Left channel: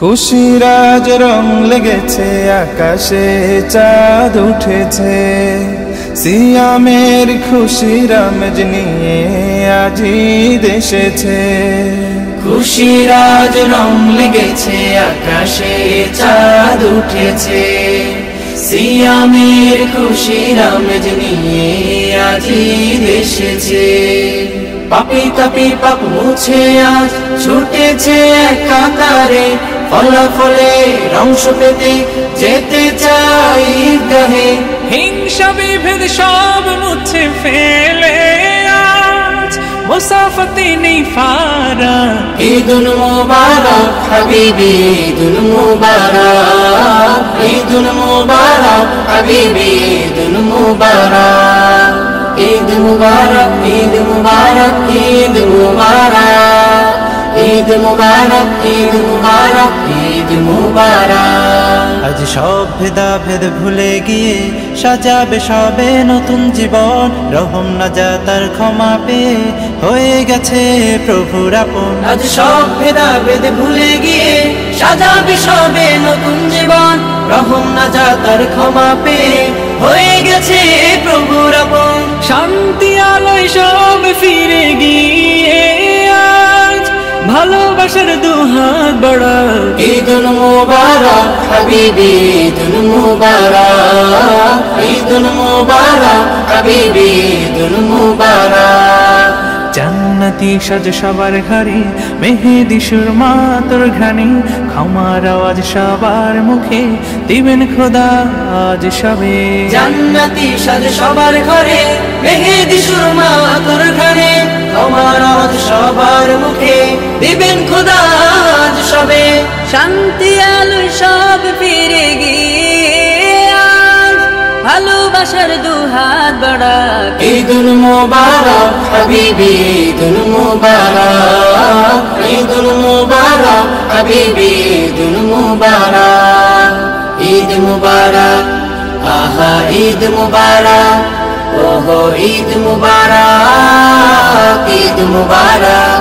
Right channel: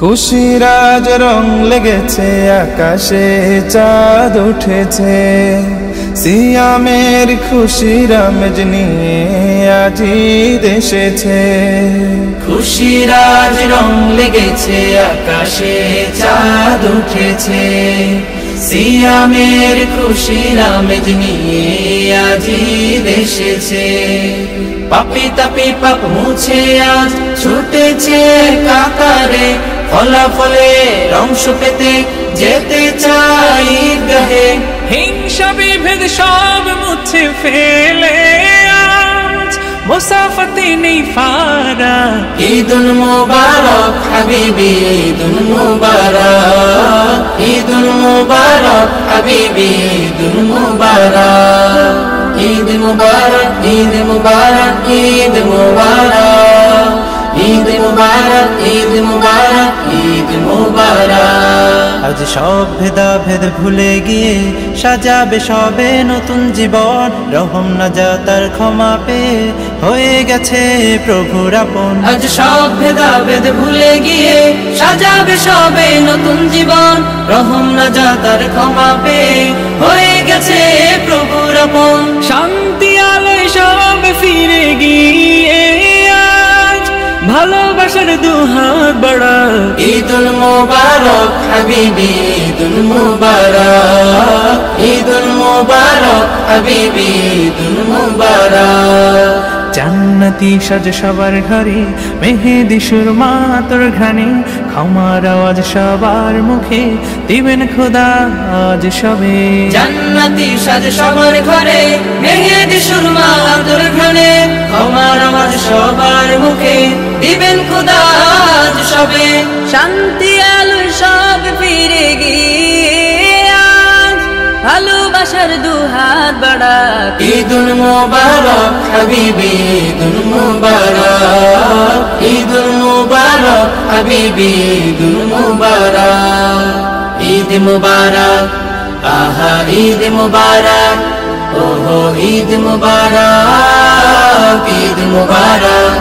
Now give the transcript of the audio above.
খুশির আজ রং লেগেছে, আকাশে চাঁদ উঠেছে। সিয়ামের খুশির আমেজ নিয়ে আজি দেশেছে। খুশির আজ রং লেগেছে, আকাশে চাঁদ উঠেছে। সিয়ামের খুশির আমেজ নিয়ে আজি দেশেছে। পাপি তাপি পাপ মুছে আজ ছুটেছে কাতারে, ফলাফলে অংশ পেতে যেতে চাই ঈদগাহে। হিংসা বিভেদ সব মুছে ফেলে আজ মুসাফাতে নেই ফারাক। ঈদুল মুবারক হাবিবি, ঈদুল মুবারক, ঈদুল মুবারক হাবিবি, ঈদুল মুবারক। ঈদ মুবারক, ঈদ মুবারক, ঈদ মুবারক, ঈদ মুবারক, ঈদ মুবারক, ঈদ মুবারক। আজ সব ভেদাভেদ ভুলে গিয়ে সাজাবে সবে নতুন জীবন। রহম নাজাতার ক্ষমা পেয়ে হয়ে গেছে প্রভুর আপন। আজ সব ভেদাভেদ ভুলে গিয়ে সাজাবে সবে নতুন জীবন। রহম নাজাতার ক্ষমা পেয়ে হয়ে গেছে প্রভুর আপন। শান্তি আলোয় সব ফিরে গিয়ে আজ ভালোবাসার দুহাত বাড়াক। ঈদুল মুবারক হাবিবি, ঈদুল মুবারক, ঈদুল মুবারক হাবিবি, ঈদুল মুবারক। জান্নাতি সাজ সবার ঘরে, মেহেদি সুরমা তোর ঘ্রাণে। ক্ষমার আওয়াজ সবার মুখে, দিবেন খোদা আজ সবে। জান্নাতি সাজ সবার ঘরে, মেহেদি সুরমা তোর ঘ্রাণে। ক্ষমার আওয়াজ সবার মুখে, দিবেন খোদা আজ সবে। শান্তি আলোয় সব ফিরে গিয়ে আজ ভালোবাসার দুহাত বাড়াক। ঈদুল মুবারক হাবিবি, ঈদুল মুবারক, ঈদুল মুবারক হাবিবি, ঈদুল মুবারক। ঈদ মুবারক, আহা ঈদ মুবারক, ওহো ঈদ মুবারক, ঈদ মুবারক।